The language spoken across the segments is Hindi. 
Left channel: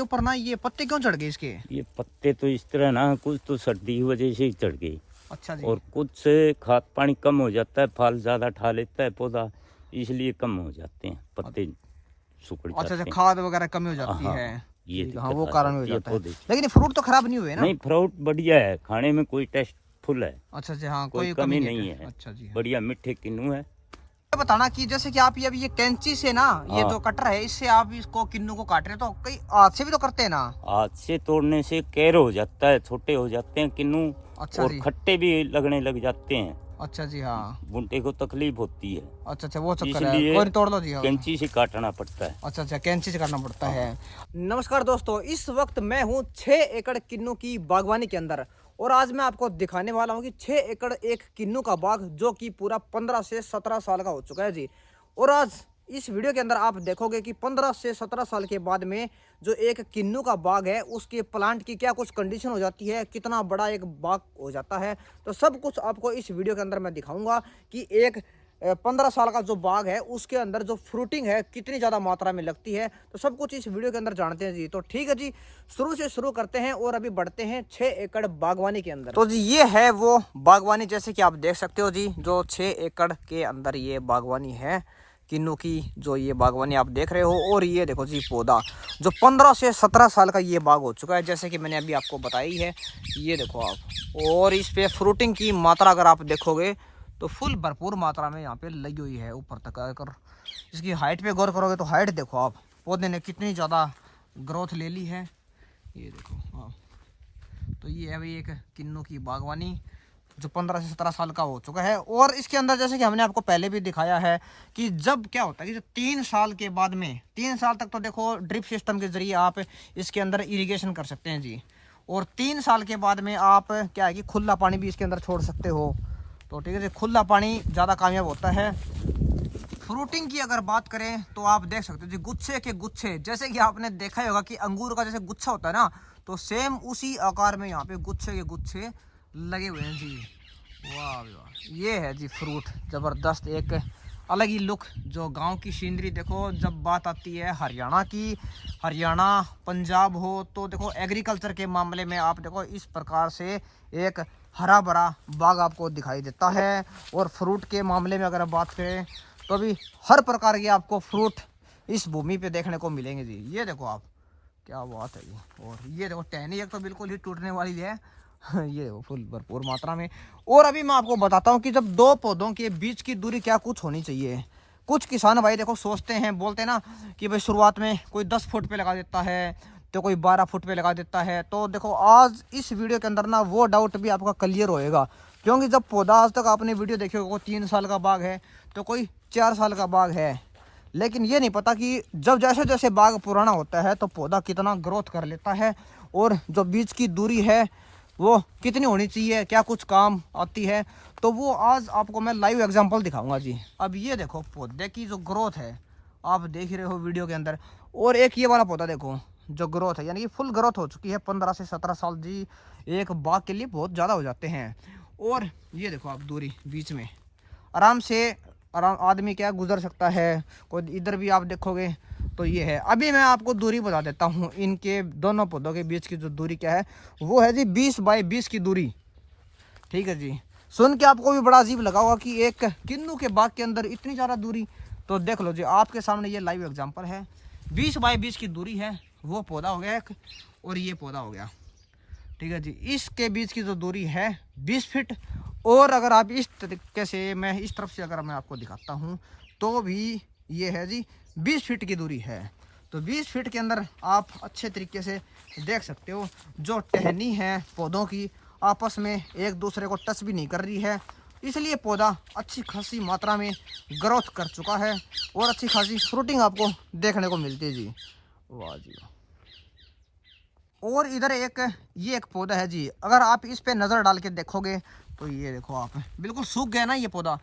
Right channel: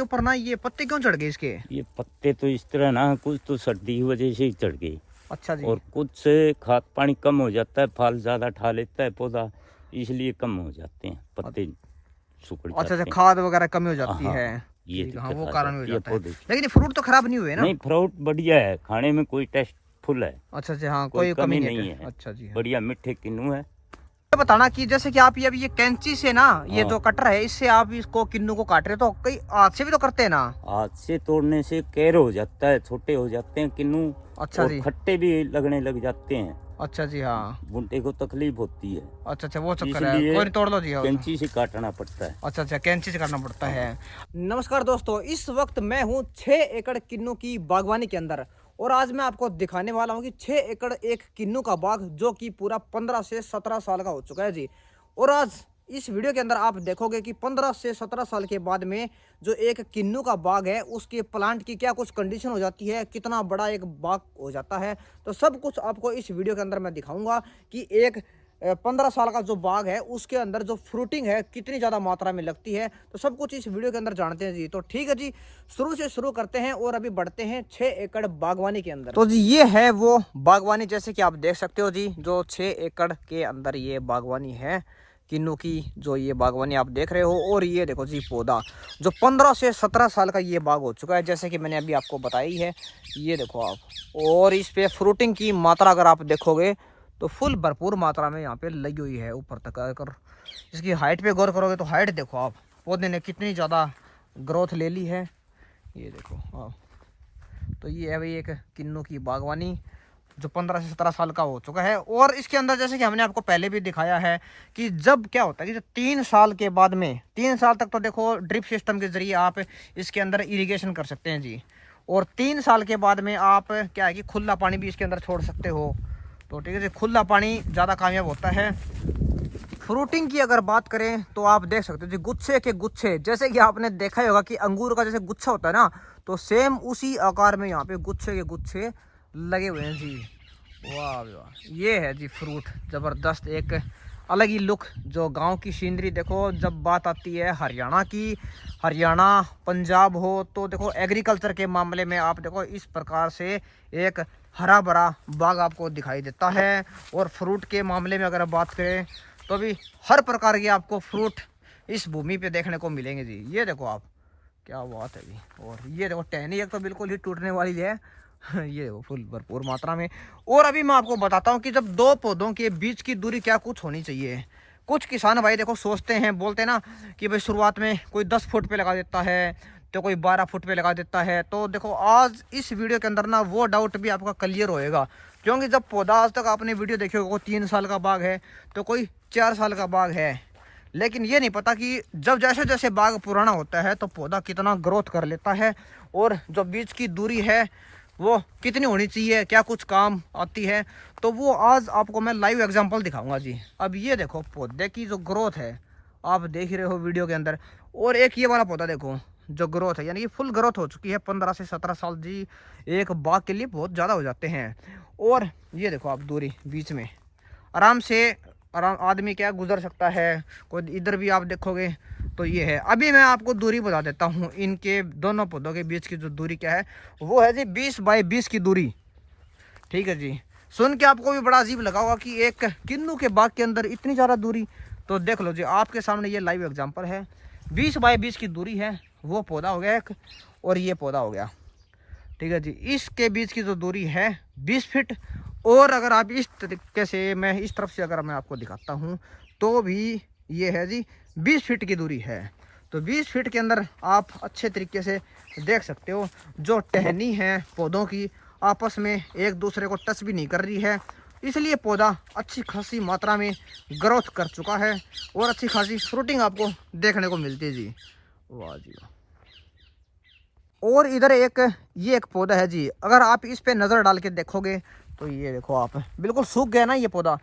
ऊपर ना ये पत्ते क्यों चढ़ गए इसके? ये पत्ते तो इस तरह ना, कुछ तो सर्दी की वजह से ही चढ़ गई। अच्छा जी। और कुछ से खाद पानी कम हो जाता है, फल ज्यादा ठा लेता है पौधा, इसलिए कम हो जाते हैं पत्ते, सुकड़ अच्छा जाते अच्छा, हैं। खाद वगैरह कमी हो जाती हाँ, है। ये ठीक है, हाँ दिक्कत वो आ कारण हो जाती है जाता है। पौधे। लेकिन फ्रूट तो खराब नहीं हुए ना? नहीं, फ्रूट बढ़िया है, खाने में कोई टेस्ट फुल है। अच्छा अच्छा, हाँ कोई कोई कमी कमी नहीं है। अच्छा जी, हाँ। बढ़िया मीठे किन्नू है। ये बताना कि जैसे कि आप ये अभी ये कैंची से ना, ये हाँ। जो कटर है इससे आप इसको किन्नू को काट रहे हो, तो कई हाथ से भी तो करते हैं ना? हाथ से तोड़ने से कैर हो जाता है, छोटे हो जाते हैं किन्नू। अच्छा और जी। खट्टे भी लगने लग जाते हैं। अच्छा जी, हाँ। बुनटे को तकलीफ होती है, अच्छा अच्छा, वो चक्कर है, इसलिए कोई नहीं, तोड़ लो जी। हाँ। कैंची से काटना पड़ता है। अच्छा अच्छा, कैंची से करना पड़ता है। नमस्कार दोस्तों, इस वक्त मैं हूँ 6 एकड़ किन्नू की बागवानी के अंदर, और आज मैं आपको दिखाने वाला हूँ कि 6 एकड़ एक किन्नू का बाग जो कि पूरा 15 से 17 साल का हो चुका है जी। और आज इस वीडियो के अंदर आप देखोगे कि 15 से 17 साल के बाद में जो एक किन्नू का बाग है उसके प्लांट की क्या कुछ कंडीशन हो जाती है, कितना बड़ा एक बाग हो जाता है, तो सब कुछ आपको इस वीडियो के अंदर मैं दिखाऊंगा कि एक 15 साल का जो बाग है उसके अंदर जो फ्रूटिंग है कितनी ज़्यादा मात्रा में लगती है, तो सब कुछ इस वीडियो के अंदर जानते हैं जी। तो ठीक है जी, शुरू से शुरू करते हैं और अभी बढ़ते हैं 6 एकड़ बागवानी के अंदर। तो जी ये है वो बागवानी, जैसे कि आप देख सकते हो जी, जो 6 एकड़ के अंदर ये बागवानी है किन्नू की, जो ये बागवानी आप देख रहे हो। और ये देखो जी पौधा जो 15 से 17 साल का ये बाग हो चुका है, जैसे कि मैंने अभी आपको बताई है। ये देखो आप, और इस पे फ्रूटिंग की मात्रा अगर आप देखोगे तो फुल भरपूर मात्रा में यहाँ पे लगी हुई है ऊपर तक। अगर इसकी हाइट पे गौर करोगे तो हाइट देखो आप, पौधे ने कितनी ज़्यादा ग्रोथ ले ली है। ये देखो आप, तो ये है भाई एक किन्नू की बागवानी जो 15 से 17 साल का हो चुका है। और इसके अंदर जैसे कि हमने आपको पहले भी दिखाया है कि जब क्या होता है कि जो 3 साल के बाद में, 3 साल तक तो देखो ड्रिप सिस्टम के जरिए आप इसके अंदर इरिगेशन कर सकते हैं जी। और 3 साल के बाद में आप क्या है कि खुला पानी भी इसके अंदर छोड़ सकते हो। तो ठीक है जी, खुला पानी ज़्यादा कामयाब होता है। फ्रूटिंग की अगर बात करें तो आप देख सकते हो जी, गुच्छे के गुच्छे, जैसे कि आपने देखा ही होगा कि अंगूर का जैसे गुच्छा होता है ना, तो सेम उसी आकार में यहाँ पे गुच्छे के गुच्छे लगे हुए हैं जी। वाह वाह, ये है जी फ्रूट, ज़बरदस्त, एक अलग ही लुक। जो गांव की सीनरी देखो, जब बात आती है हरियाणा की, हरियाणा पंजाब हो, तो देखो एग्रीकल्चर के मामले में आप देखो इस प्रकार से एक हरा भरा बाग आपको दिखाई देता है। और फ्रूट के मामले में अगर बात करें तो भी हर प्रकार के आपको फ्रूट इस भूमि पे देखने को मिलेंगे जी। ये देखो आप, क्या बात है जी। और ये देखो टहनी एक तो बिल्कुल ही टूटने वाली है ये देखो फुल भरपूर मात्रा में। और अभी मैं आपको बताता हूँ कि जब दो पौधों के बीच की दूरी क्या कुछ होनी चाहिए। कुछ किसान भाई देखो सोचते हैं, बोलते हैं ना कि भाई शुरुआत में कोई 10 फुट पे लगा देता है, तो कोई 12 फुट पे लगा देता है। तो देखो आज इस वीडियो के अंदर ना वो डाउट भी आपका क्लियर होएगा, क्योंकि जब पौधा आज तक आपने वीडियो देखे होगा 3 साल का बाग है, तो कोई 4 साल का बाग है। लेकिन ये नहीं पता कि जब जैसे जैसे बाग पुराना होता है तो पौधा कितना ग्रोथ कर लेता है, और जो बीच की दूरी है वो कितनी होनी चाहिए, क्या कुछ काम आती है, तो वो आज आपको मैं लाइव एग्जांपल दिखाऊंगा जी। अब ये देखो पौधे की जो ग्रोथ है आप देख रहे हो वीडियो के अंदर, और एक ये वाला पौधा देखो जो ग्रोथ है, यानी कि फुल ग्रोथ हो चुकी है। 15 से 17 साल जी एक बाग के लिए बहुत ज़्यादा हो जाते हैं। और ये देखो आप दूरी बीच में आराम से आदमी क्या गुजर सकता है। कोई इधर भी आप देखोगे तो ये है। अभी मैं आपको दूरी बता देता हूँ, इनके दोनों पौधों के बीच की जो दूरी क्या है वो है जी 20 बाई 20 की दूरी। ठीक है जी, सुन के आपको भी बड़ा अजीब लगा होगा कि एक किन्नू के बाग के अंदर इतनी ज़्यादा दूरी। तो देख लो जी, आपके सामने ये लाइव एग्जाम्पल है। 20 बाई 20 की दूरी है, वो पौधा हो गया एक और ये पौधा हो गया। ठीक है जी, इसके बीच की जो दूरी है 20 फीट। और अगर आप इस तरीके से, मैं इस तरफ से अगर मैं आपको दिखाता हूँ तो भी ये है जी 20 फीट की दूरी है। तो 20 फीट के अंदर आप अच्छे तरीके से देख सकते हो जो टहनी है पौधों की आपस में एक दूसरे को टच भी नहीं कर रही है, इसलिए पौधा अच्छी खासी मात्रा में ग्रोथ कर चुका है और अच्छी खासी फ्रूटिंग आपको देखने को मिलती है जी। वाह जी। और इधर ये एक पौधा है जी, अगर आप इस पे नज़र डाल के देखोगे तो ये देखो आप, बिल्कुल सूख गया ना ये पौधा,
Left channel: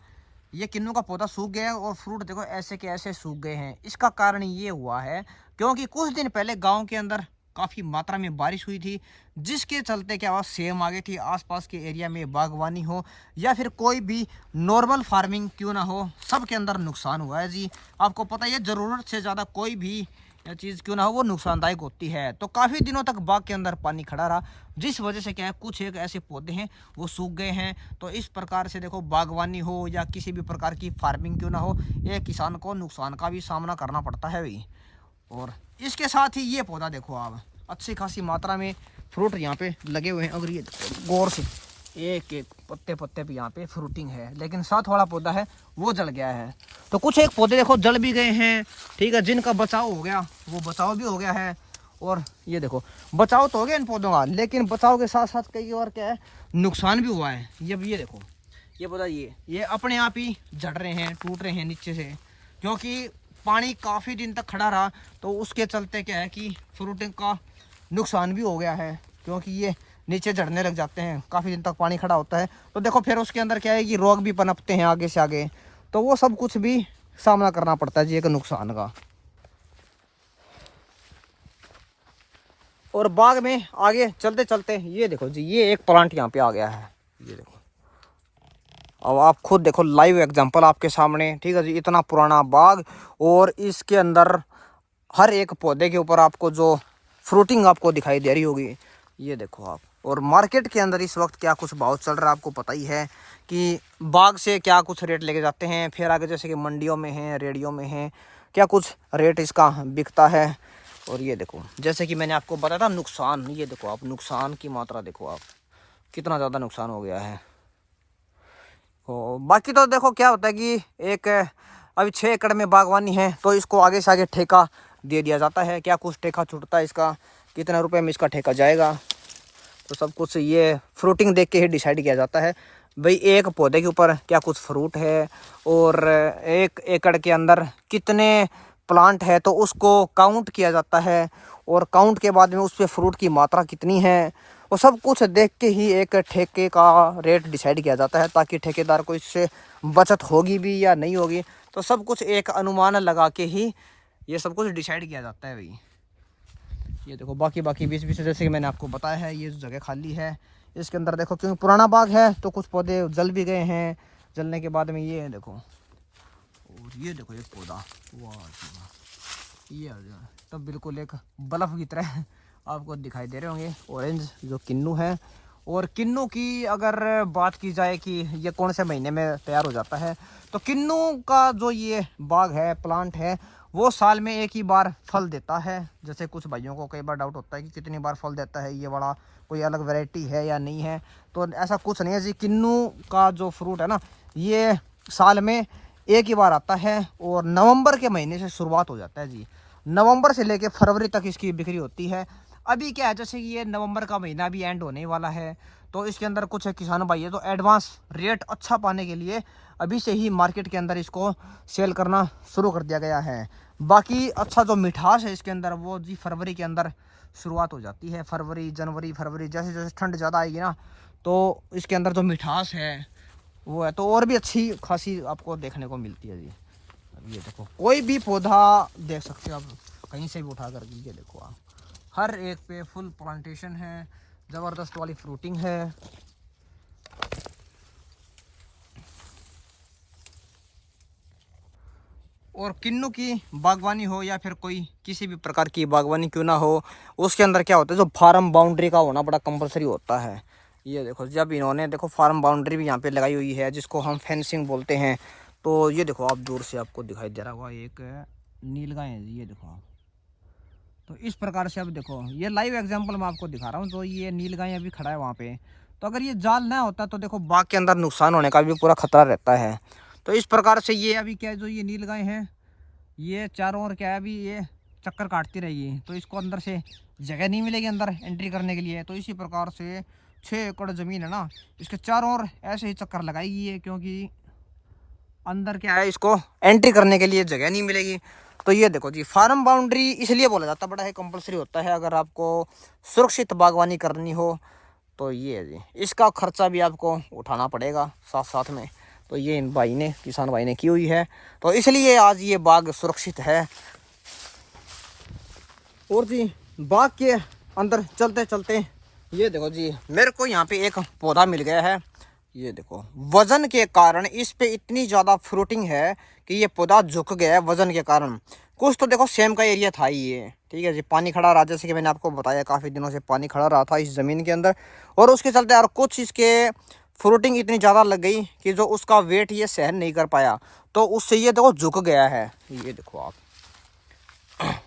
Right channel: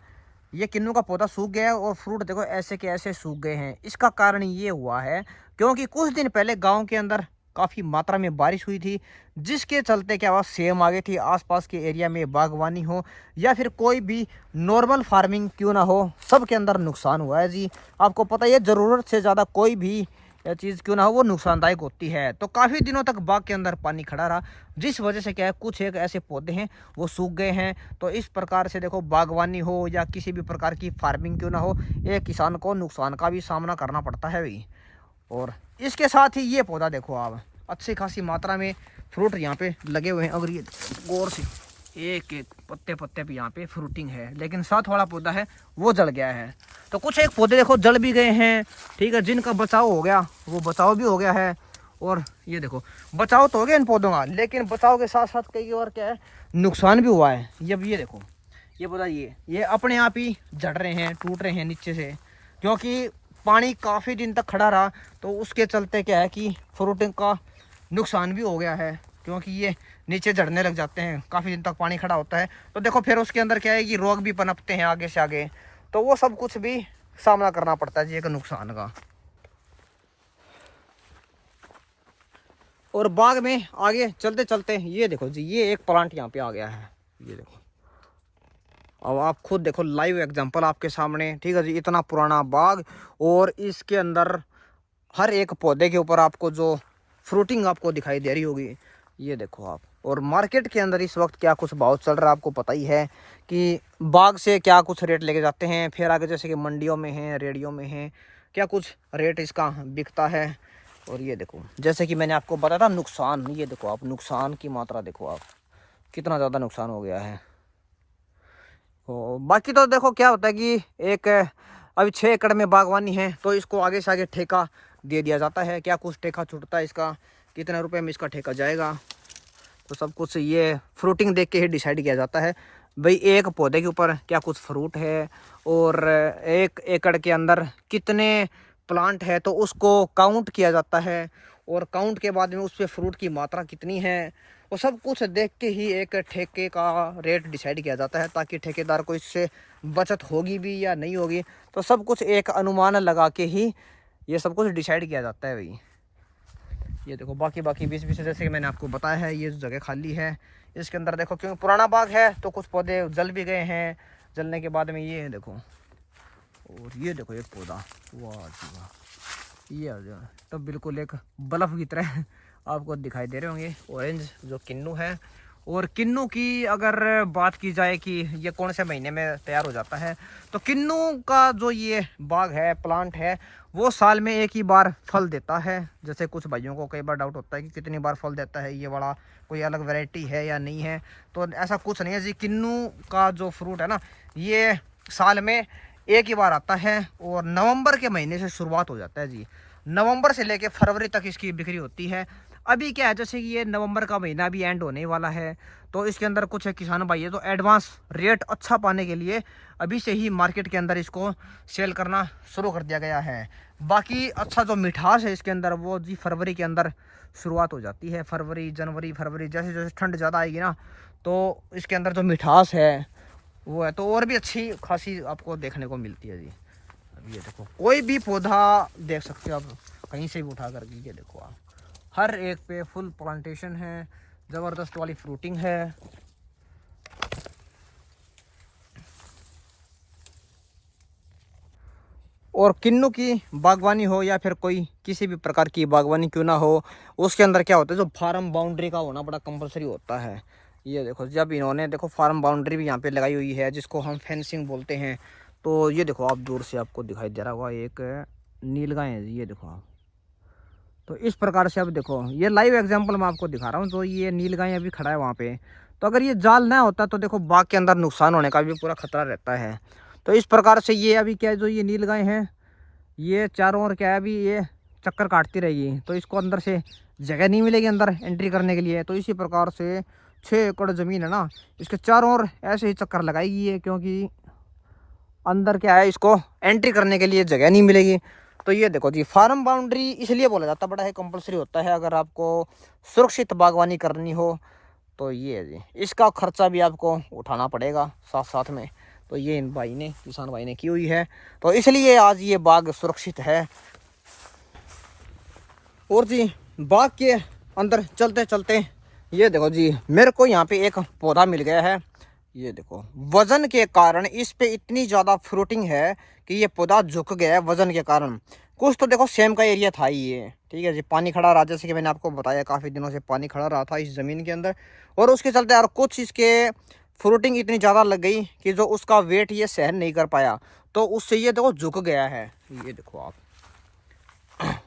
ये किन्नू का पौधा सूख गया है और फ्रूट देखो ऐसे के ऐसे सूख गए हैं। इसका कारण ये हुआ है क्योंकि कुछ दिन पहले गांव के अंदर काफ़ी मात्रा में बारिश हुई थी, जिसके चलते क्या हुआ, सेम आ गई थी। आसपास के एरिया में बागवानी हो या फिर कोई भी नॉर्मल फार्मिंग क्यों ना हो, सब के अंदर नुकसान हुआ है जी। आपको पता है ज़रूरत से ज़्यादा कोई भी यह चीज़ क्यों ना हो वो नुकसानदायक होती है। तो काफ़ी दिनों तक बाग के अंदर पानी खड़ा रहा, जिस वजह से क्या है कुछ एक ऐसे पौधे हैं वो सूख गए हैं। तो इस प्रकार से देखो बागवानी हो या किसी भी प्रकार की फार्मिंग क्यों ना हो, एक किसान को नुकसान का भी सामना करना पड़ता है भाई। और इसके साथ ही ये पौधा देखो आप, अच्छी खासी मात्रा में फ्रूट यहाँ पे लगे हुए हैं। अगर ये गौर से एक एक पत्ते पत्ते पे यहाँ पे फ्रूटिंग है, लेकिन साथ वाला पौधा है वो जल गया है। तो कुछ एक पौधे देखो जल भी गए हैं, ठीक है, जिनका बचाव हो गया वो बचाव भी हो गया है। और ये देखो बचाव तो हो गया इन पौधों का, लेकिन बचाव के साथ साथ कई और क्या है नुकसान भी हुआ है। ये देखो ये पौधा ये अपने आप ही झड़ रहे हैं, टूट रहे हैं नीचे से, क्योंकि पानी काफ़ी दिन तक खड़ा रहा। तो उसके चलते क्या है कि फ्रूटिंग का नुकसान भी हो गया है, क्योंकि ये नीचे झड़ने लग जाते हैं, काफ़ी दिन तक पानी खड़ा होता है। तो देखो फिर उसके अंदर क्या है कि रोग भी पनपते हैं आगे से आगे, तो वो सब कुछ भी सामना करना पड़ता है जी एक नुकसान का। और बाग में आगे चलते चलते ये देखो जी ये एक प्लांट यहाँ पे आ गया है, ये देखो। अब आप खुद देखो लाइव एग्जांपल आपके सामने, ठीक है जी। इतना पुराना बाग और इसके अंदर हर एक पौधे के ऊपर आपको जो फ्रूटिंग आपको दिखाई दे रही होगी, ये देखो आप। और मार्केट के अंदर इस वक्त क्या कुछ भाव चल रहा है आपको पता ही है कि बाग से क्या कुछ रेट लेके जाते हैं, फिर आगे जैसे कि मंडियों में है, रेडियो में है, क्या कुछ रेट इसका बिकता है। और ये देखो जैसे कि मैंने आपको बताया था नुकसान, ये देखो आप नुकसान की मात्रा देखो आप, कितना ज़्यादा नुकसान हो गया है। तो बाकी तो देखो क्या होता है कि एक अभी 6 एकड़ में बागवानी है, तो इसको आगे से आगे ठेका दे दिया जाता है। क्या कुछ ठेका छूटता है इसका, कितना रुपए में इसका ठेका जाएगा, तो सब कुछ ये फ्रूटिंग देख के ही डिसाइड किया जाता है। भाई एक पौधे के ऊपर क्या कुछ फ्रूट है और 1 एकड़ के अंदर कितने प्लांट है, तो उसको काउंट किया जाता है। और काउंट के बाद में उस पर फ्रूट की मात्रा कितनी है, वो सब कुछ देख के ही एक ठेके का रेट डिसाइड किया जाता है, ताकि ठेकेदार को इससे बचत होगी भी या नहीं होगी। तो सब कुछ एक अनुमान लगा के ही ये सब कुछ डिसाइड किया जाता है भाई। ये देखो बाकी बीच बीच जैसे कि मैंने आपको बताया है, ये जगह खाली है इसके अंदर देखो, क्योंकि पुराना बाग है तो कुछ पौधे जल भी गए हैं। जलने के बाद में ये है देखो, और ये देखो एक पौधा, वाह जी वाह, ये आ गया तब बिल्कुल एक बल्ब की तरह आपको दिखाई दे रहे होंगे, ऑरेंज जो किन्नू है। और किन्नू की अगर बात की जाए कि ये कौन से महीने में तैयार हो जाता है, तो किन्नू का जो ये बाग है, प्लांट है, वो साल में एक ही बार फल देता है। जैसे कुछ भाइयों को कई बार डाउट होता है कि कितनी बार फल देता है, ये वाला कोई अलग वैरायटी है या नहीं है, तो ऐसा कुछ नहीं है जी। किन्नू का जो फ्रूट है ना, ये साल में एक ही बार आता है और नवंबर के महीने से शुरुआत हो जाता है जी। नवंबर से लेके फरवरी तक इसकी बिक्री होती है। अभी क्या है जैसे कि ये नवंबर का महीना भी एंड होने वाला है, तो इसके अंदर कुछ किसान भाई है तो एडवांस रेट अच्छा पाने के लिए अभी से ही मार्केट के अंदर इसको सेल करना शुरू कर दिया गया है। बाकी अच्छा जो मिठास है इसके अंदर वो जी फरवरी के अंदर शुरुआत हो जाती है। फरवरी, जनवरी, फरवरी जैसे जैसे ठंड ज़्यादा आएगी ना, तो इसके अंदर जो मिठास है वो है तो और भी अच्छी खासी आपको देखने को मिलती है जी। ये देखो कोई भी पौधा देख सकते हो आप, कहीं से भी उठा कर, ये देखो आप, हर एक पे फुल प्लांटेशन है, ज़बरदस्त वाली फ्रूटिंग है। और किन्नू की बागवानी हो या फिर कोई किसी भी प्रकार की बागवानी क्यों ना हो, उसके अंदर क्या होता है जो फार्म बाउंड्री का होना बड़ा कंपलसरी होता है। ये देखो जब इन्होंने देखो फार्म बाउंड्री भी यहाँ पे लगाई हुई है, जिसको हम फेंसिंग बोलते हैं। तो ये देखो आप दूर से आपको दिखाई दे रहा होगा एक नीलगाय है, ये देखो आप। तो इस प्रकार से अब देखो ये लाइव एग्जांपल मैं आपको दिखा रहा हूँ, तो ये नीलगाय अभी खड़ा है वहाँ पे। तो अगर ये जाल ना होता तो देखो बाग के अंदर नुकसान होने का भी पूरा खतरा रहता है। तो इस प्रकार से ये अभी क्या है जो ये नीलगाय है, ये चारों ओर क्या है अभी ये चक्कर काटती रहेगी, तो इसको अंदर से जगह नहीं मिलेगी अंदर एंट्री करने के लिए। तो इसी प्रकार से 6 एकड़ ज़मीन है ना, इसके चारों ओर ऐसे ही चक्कर लगाएगी है, क्योंकि अंदर क्या है इसको एंट्री करने के लिए जगह नहीं मिलेगी। तो ये देखो जी फार्म बाउंड्री इसलिए बोला जाता बड़ा है कंपलसरी होता है अगर आपको सुरक्षित बागवानी करनी हो। तो ये है जी, इसका खर्चा भी आपको उठाना पड़ेगा साथ साथ में। तो ये इन भाई ने, किसान भाई ने की हुई है, तो इसलिए आज ये बाग सुरक्षित है। और जी बाग के अंदर चलते चलते ये देखो जी मेरे को यहाँ पे एक पौधा मिल गया है। ये देखो वजन के कारण इस पे इतनी ज़्यादा फ्रूटिंग है कि ये पौधा झुक गया है वजन के कारण, कुछ तो देखो सेम का एरिया था ही ये, ठीक है जी। पानी खड़ा रहा, जैसे कि मैंने आपको बताया काफ़ी दिनों से पानी खड़ा रहा था इस ज़मीन के अंदर, और उसके चलते यार कुछ इसके फ्रूटिंग इतनी ज़्यादा लग गई कि जो उसका वेट ये सहन नहीं कर पाया, तो उससे ये देखो झुक गया है। ये देखो आप,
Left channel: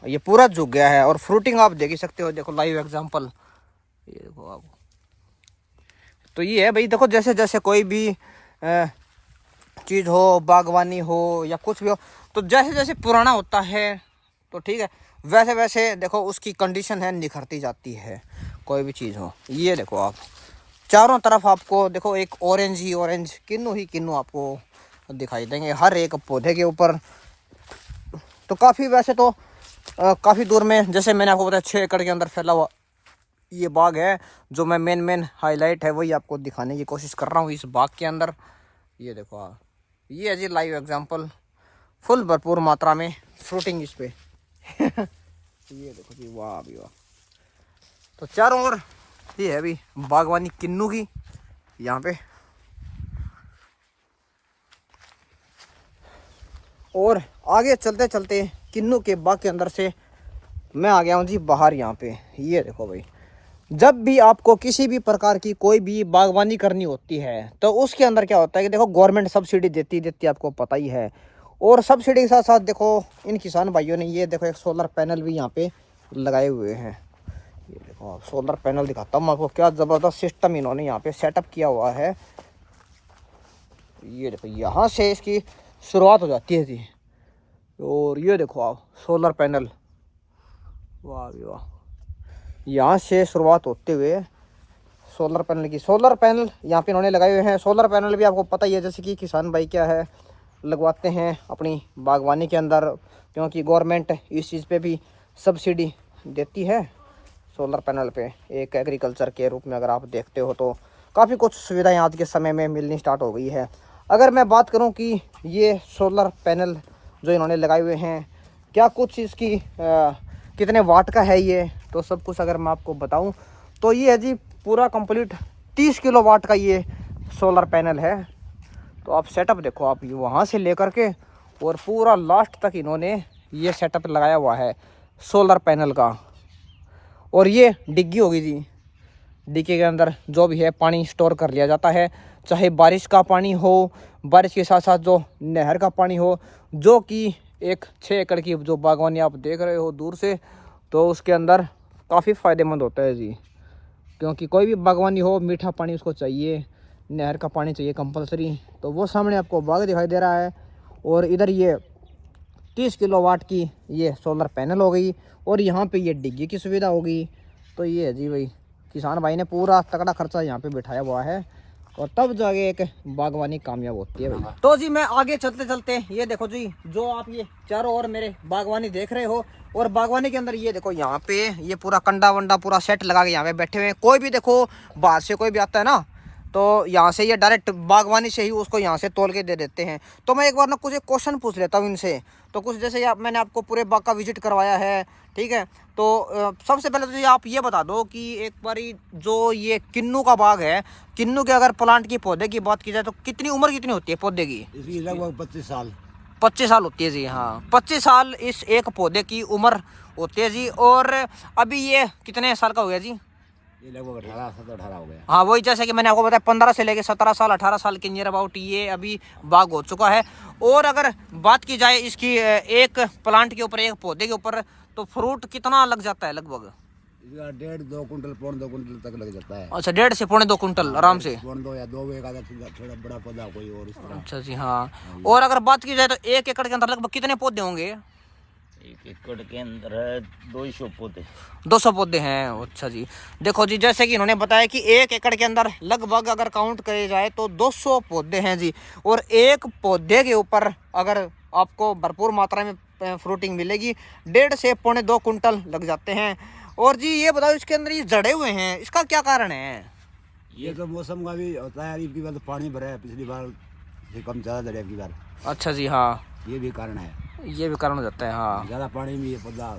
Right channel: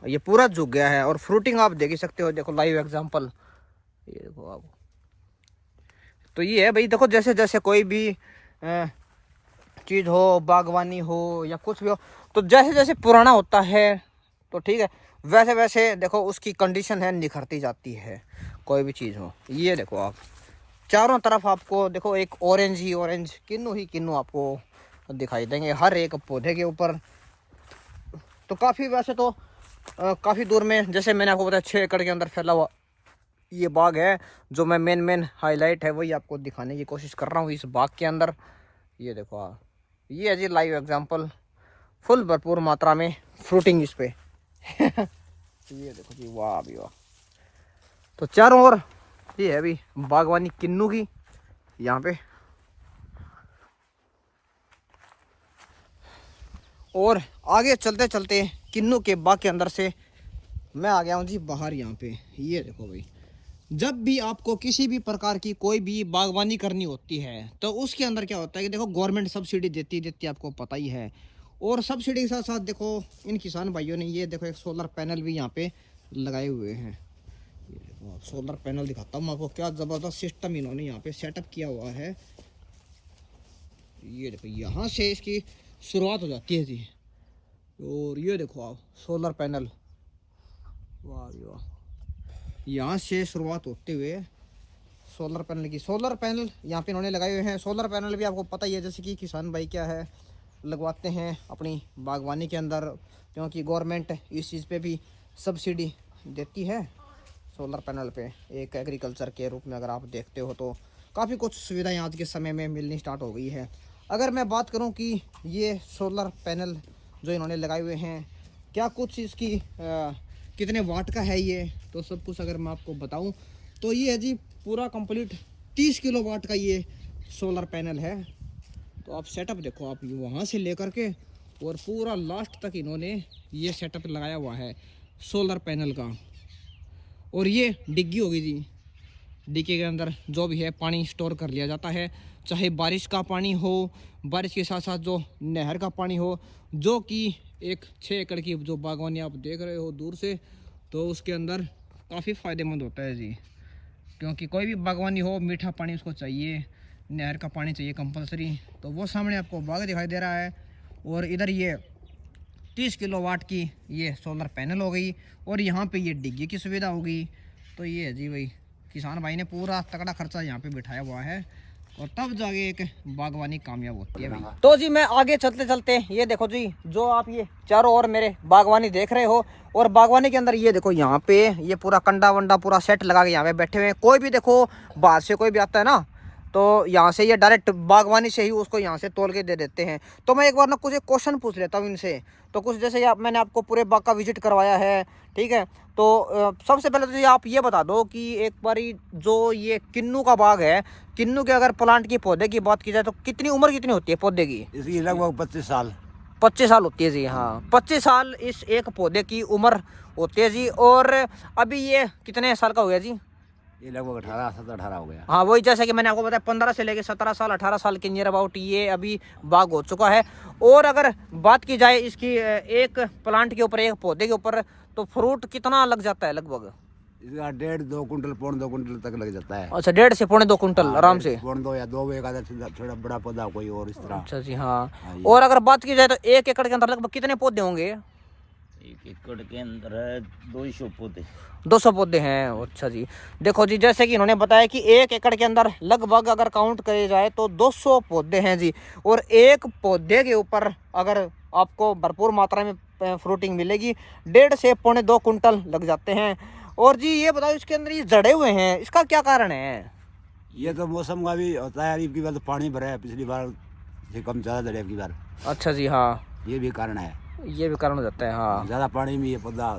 ये पूरा झुक गया है। और फ्रूटिंग आप देख ही सकते हो, देखो लाइव एग्जांपल, ये देखो आप। तो ये है भाई, देखो जैसे जैसे कोई भी चीज़ हो, बागवानी हो या कुछ भी हो, तो जैसे जैसे पुराना होता है तो ठीक है, वैसे वैसे देखो उसकी कंडीशन है निखरती जाती है, कोई भी चीज़ हो। ये देखो आप, चारों तरफ आपको देखो एक ऑरेंज ही ऑरेंज, किन्नू ही किन्नू आपको दिखाई देंगे हर एक पौधे के ऊपर। तो काफ़ी वैसे तो काफ़ी दूर में, जैसे मैंने आपको बताया 6 एकड़ के अंदर फैला हुआ ये बाग है। जो मैं मेन हाईलाइट है वही आपको दिखाने की कोशिश कर रहा हूँ इस बाग के अंदर। ये देखो आप, ये है जी लाइव एग्जांपल, फुल भरपूर मात्रा में फ्रूटिंग इस पे। ये देखो जी, वाह भी वाह। तो चारों ओर ये है अभी बागवानी किन्नू की यहाँ पे। और आगे चलते चलते किन्नू के बाग के अंदर से मैं आ गया हूँ जी बाहर यहाँ पे। ये देखो भाई, जब भी आपको किसी भी प्रकार की कोई भी बागवानी करनी होती है तो उसके अंदर क्या होता है कि देखो गवर्नमेंट सब्सिडी देती आपको पता ही है। और सब्सिडी के साथ साथ देखो इन किसान भाइयों ने ये देखो एक सोलर पैनल भी यहाँ पे लगाए हुए हैं। ये देखो सोलर पैनल दिखाता हूँ आपको, क्या ज़बरदस्त सिस्टम इन्होंने यहाँ पे सेटअप किया हुआ है। ये देखो यहाँ से इसकी शुरुआत हो जाती है जी। और ये देखो आप सोलर पैनल, वाह भी वाह, यहाँ से शुरुआत होते हुए सोलर पैनल की। सोलर पैनल यहाँ पे इन्होंने लगाए हुए हैं। सोलर पैनल भी आपको पता ही है, जैसे कि किसान भाई क्या है लगवाते हैं अपनी बागवानी के अंदर, क्योंकि गवर्नमेंट इस चीज़ पे भी सब्सिडी देती है। सोलर पैनल पे एक एग्रीकल्चर के रूप में अगर आप देखते हो तो काफ़ी कुछ सुविधाएं आज के समय में मिलनी स्टार्ट हो गई है। अगर मैं बात करूं कि ये सोलर पैनल जो इन्होंने लगाए हुए हैं क्या कुछ इसकी कितने वाट का है ये, तो सब कुछ अगर मैं आपको बताऊं तो ये है जी पूरा कंप्लीट 30 किलो वाट का ये सोलर पैनल है। तो आप सेटअप देखो, आप वहाँ से लेकर के और पूरा लास्ट तक इन्होंने ये सेटअप लगाया हुआ है सोलर पैनल का। और ये डिग्गी होगी जी, डिग्गी के अंदर जो भी है पानी स्टोर कर लिया जाता है, चाहे बारिश का पानी हो, बारिश के साथ साथ जो नहर का पानी हो, जो कि एक 6 एकड़ की जो बागवानी आप देख रहे हो दूर से, तो उसके अंदर काफ़ी फ़ायदेमंद होता है जी। क्योंकि कोई भी बागवानी हो मीठा पानी उसको चाहिए, नहर का पानी चाहिए कंपलसरी। तो वो सामने आपको बाग दिखाई दे रहा है, और इधर ये 30 किलोवाट की ये सोलर पैनल हो गई, और यहाँ पे ये डिग्गी की सुविधा होगी। तो ये है जी भाई, किसान भाई ने पूरा तगड़ा खर्चा यहाँ पे बिठाया हुआ है, और तब जाके एक बागवानी कामयाब होती है भाई। तो जी मैं आगे चलते चलते ये देखो जी, जो आप ये चारों ओर मेरे बागवानी देख रहे हो, और बागवानी के अंदर ये देखो यहाँ पे ये पूरा कंडा वंडा पूरा सेट लगा के यहाँ पे बैठे हुए हैं। कोई भी देखो बाहर से कोई भी आता है ना, तो यहाँ से ये डायरेक्ट बागवानी से ही उसको यहाँ से तोल के दे देते हैं। तो मैं एक बार ना कुछ एक क्वेश्चन पूछ लेता हूँ इनसे। तो कुछ जैसे मैंने आपको पूरे बाग का विजिट करवाया है, ठीक है। तो सबसे पहले तो आप ये बता दो कि एक बारी जो ये किन्नू का बाग है, किन्नू के अगर प्लांट की पौधे की बात की जाए तो कितनी उम्र कितनी होती है पौधे की? इसकी लगभग 25 साल। 25 साल होती है जी। हाँ 25 साल इस एक पौधे की उम्र होती है जी। और अभी ये कितने साल का हो गया जी? ये लगभग 18 हो गया। हाँ वही, जैसे कि मैंने आपको बताया 15 से लेके 17 साल 18 साल के नियर अबाउट ये अभी बाग हो चुका है। और अगर बात की जाए इसकी एक प्लांट के ऊपर, एक पौधे के ऊपर, तो फ्रूट कितना लग जाता है लगभग? इसका 1.5-2 कुंटल, 1.25 कुंटल तक लग जाता है। अच्छा 1.5 से 1.25 कुंटल आराम से। 1.25 या 2 एक आधा थोड़ा बड़ा पौधा कोई और इस तरह। अच्छा जी हाँ। और अगर बात की जाए तो 1 एकड़ के अंदर लगभग कितने पौधे होंगे? 1 एकड़ के अंदर है 200 पौधे। 200 पौधे हैं। अच्छा जी, देखो जी जैसे कि इन्होंने बताया कि 1 एकड़ के अंदर लगभग अगर काउंट करे जाए तो 200 पौधे हैं जी। और एक पौधे के ऊपर अगर आपको भरपूर मात्रा में फ्रूटिंग मिलेगी, 1.5 से 1.25 कुंटल लग जाते हैं। और जी ये बताओ इसके अंदर ये जड़े हुए हैं, इसका क्या कारण है? ये तो मौसम का भी होता है, इनकी बार तो पानी भरा है, पिछली बार से कम ज़्यादा दरिया की बार। अच्छा जी हाँ, ये भी कारण है, ये भी कारण हो जाता है। हाँ ज़्यादा पानी में ये पौधा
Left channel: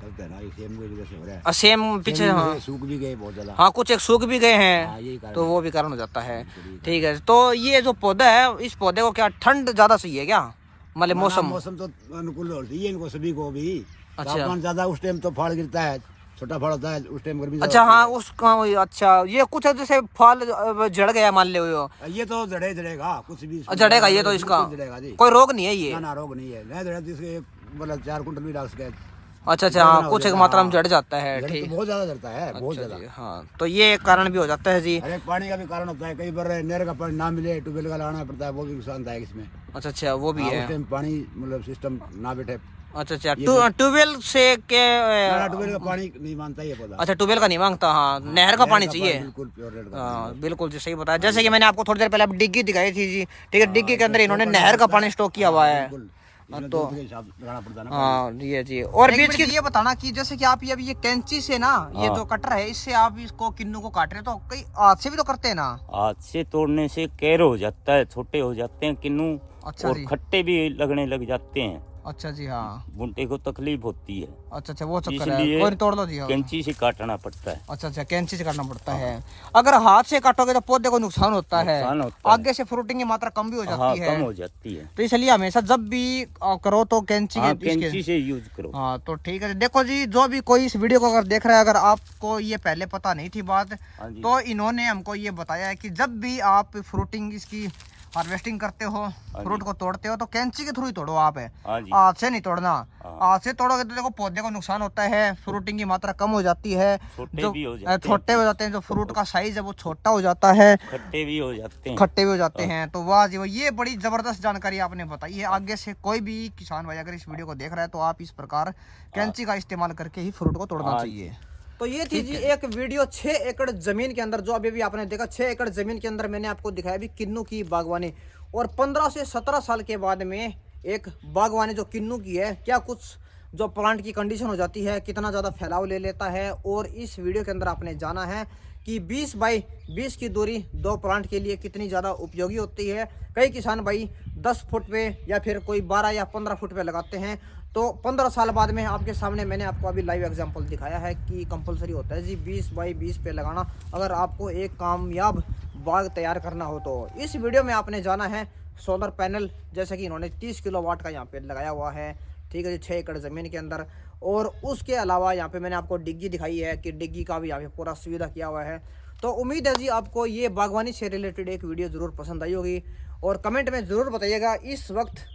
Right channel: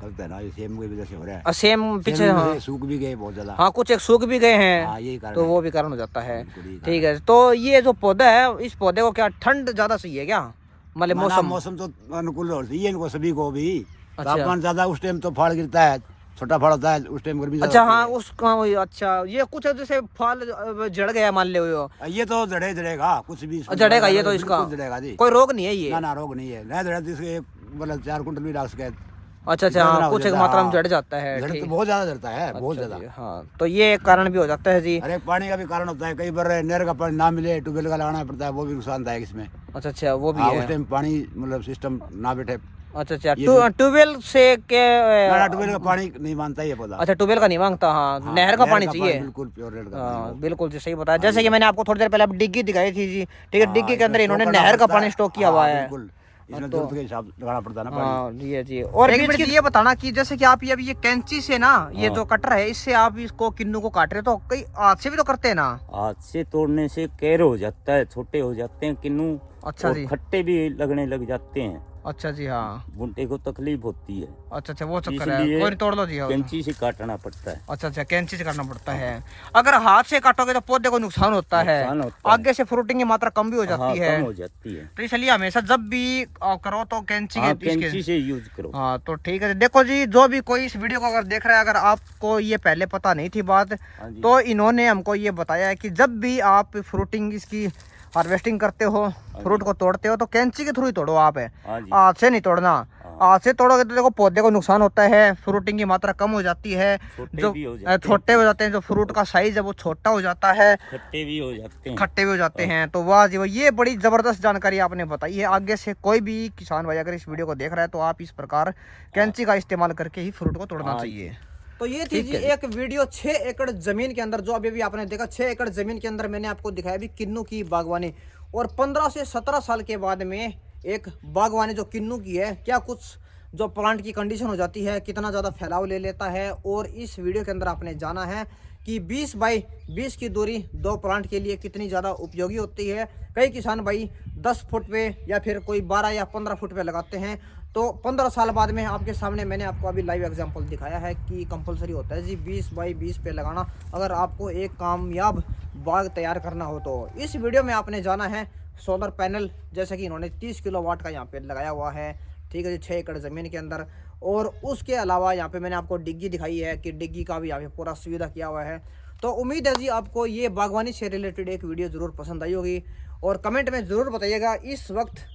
करता है ना, ये सेम की वजह से हो रहा है। सेम पीछे हाँ सूख भी गए बहुत ज़्यादा। हाँ, कुछ एक सूख भी गए हैं। हाँ यही कारण तो है। वो भी कारण हो जाता है। बिल्कुल यही ठीक है, तो ये जो पौधा है इस पौधे को क्या ठंड ज़्यादा चाहिए क्या? मतलब मौसम मौसम तो अनुकूल होती है इनको सभी को भी। अच्छा। तापमान ज्यादा उस टाइम तो फल गिरता है, छोटा फल होता है उस टाइम गर्मी अच्छा ज्यादा हाँ होती उसका अच्छा ये कुछ जैसे फल जड़ गया मान ले हो है। ये तो जड़ेगा कुछ भी इसमें जड़ेगा ये तो बिल्कुल इसका जड़ेगा जी। कोई रोग नहीं है ये। ना रोग नहीं है, नहीं जड़े तो इसके मतलब 4 कुंटल भी डाल सके। अच्छा अच्छा हाँ कुछ एक मात्रा में जड़ जाता है। जड़ तो ठीक बहुत ज्यादा जड़ता है, बहुत अच्छा ज्यादा। जी, हाँ तो ये एक कारण भी हो जाता है जी। अरे पानी का भी कारण होता है, कई बार नहर का पानी ना मिले, ट्यूबवेल का लगाना पड़ता है, वो भी नुकसानदायक इसमें। अच्छा अच्छा वो भी हाँ, है। उस टाइम पानी मतलब सिस्टम ना बैठे। अच्छा अच्छा ये तो- ट्यूबवेल से के ट्यूबवेल का पानी नहीं मानता ये पौधा। अच्छा ट्यूबवेल का नहीं मांगता हाँ, नहर का पानी चाहिए। बिल्कुल प्योर रेड का। हाँ बिल्कुल जी सही बताया। जैसे कि मैंने आपको थोड़ी देर पहले अब डिग्गी दिखाई थी जी, ठीक है डिग्गी के अंदर इन्होंने नहर का पानी स्टॉक किया हुआ है। इसमें तो दूध के हिसाब लगाना पड़ता है ना पानी। हाँ ये जी। और बीच की ये बताना कि जैसे कि आप ये अभी ये कैंची से ना ये जो कटर है इससे आप इसको किन्नू को काट रहे हो तो कई हाथ से भी तो करते हैं ना। हाथ से तोड़ने से कैर हो जाता है, छोटे हो जाते हैं किन्नू। अच्छा और जी। खट्टे भी लगने लग जाते हैं, अच्छा जी हाँ। बुंटे को तकलीफ होती है, अच्छा अच्छा वो चक्कर है। इसलिए कोई नहीं, तोड़ लो जी। हाँ। कैंची से काटना पड़ता है। अच्छा अच्छा कैंची से करना पड़ता है। अगर हाथ से काटोगे तो पौधे को नुकसान होता है, नुकसान होता है। आगे से फ्रूटिंग की मात्रा कम भी हो हाँ जाती है। कम हो जाती है, तो इसलिए हमेशा जब भी करो तो कैंची हाँ के कैंची से यूज करो। हाँ तो ठीक है। देखो जी जो भी कोई इस वीडियो को अगर देख रहा है, अगर आपको ये पहले पता नहीं थी बात, हाँ जी। तो इन्होंने हमको ये बताया है कि जब भी आप फ्रूटिंग इसकी हार्वेस्टिंग करते हो, फ्रूट को तोड़ते हो तो कैंची के थ्रू ही तोड़ो आप है, हाँ जी। हाथ से नहीं तोड़ना। हाँ। हाथ से तोड़ोगे तो देखो पौधे को नुकसान होता है, फ्रूटिंग की मात्रा कम हो जाती है, छोटे जो भी हो जाते हैं। छोटे हो जाते हैं, जो फ्रूट का साइज है वो छोटा हो जाता है, खट्टे भी हो जाते हैं। खट्टे भी हो जाते हैं। तो वाह जी वाह, ये बड़ी जबरदस्त जानकारी आपने बताई है। आगे से कोई भी किसान भाई अगर इस वीडियो को देख रहा है तो आप इस प्रकार कैंची का इस्तेमाल करके ही फ्रूट को तोड़ना हाँ। चाहिए। तो ये थी जी एक वीडियो 6 एकड़ जमीन के अंदर, जो अभी भी आपने देखा 6 एकड़ जमीन के अंदर मैंने आपको दिखाया भी किन्नू की बागवानी। और 15 से 17 साल के बाद में एक बागवानी जो किन्नू की है, क्या कुछ जो प्लांट की कंडीशन हो जाती है, कितना ज़्यादा फैलाव ले लेता है। और इस वीडियो के अंदर आपने जाना है कि 20 बाई 20 की दूरी 2 प्लांट के लिए कितनी ज़्यादा उपयोगी होती है। कई किसान भाई 10 फुट पे या फिर कोई 12 या 15 फुट पे लगाते हैं। तो 15 साल बाद में आपके सामने मैंने आपको अभी लाइव एग्जांपल दिखाया है कि कंपलसरी होता है जी 20 बाई 20 पे लगाना, अगर आपको एक कामयाब बाग तैयार करना हो। तो इस वीडियो में आपने जाना है सोलर पैनल, जैसे कि इन्होंने 30 किलोवाट का यहाँ पे लगाया हुआ है, ठीक है जी 6 एकड़ ज़मीन के अंदर। और उसके अलावा यहाँ पे मैंने आपको डिग्गी दिखाई है कि डिग्गी का भी यहाँ पे पूरा सुविधा किया हुआ है। तो उम्मीद है जी आपको ये बागवानी से रिलेटेड एक वीडियो ज़रूर पसंद आई होगी। और कमेंट में ज़रूर बताइएगा इस वक्त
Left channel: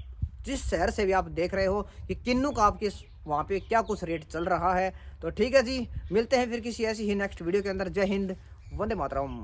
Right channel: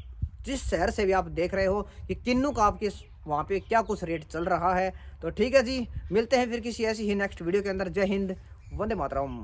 जिस शहर से भी आप देख रहे हो कि किन्नू का आपके वहाँ पे क्या कुछ रेट चल रहा है। तो ठीक है जी, मिलते हैं फिर किसी ऐसी ही नेक्स्ट वीडियो के अंदर। जय हिंद, वंदे मातरम।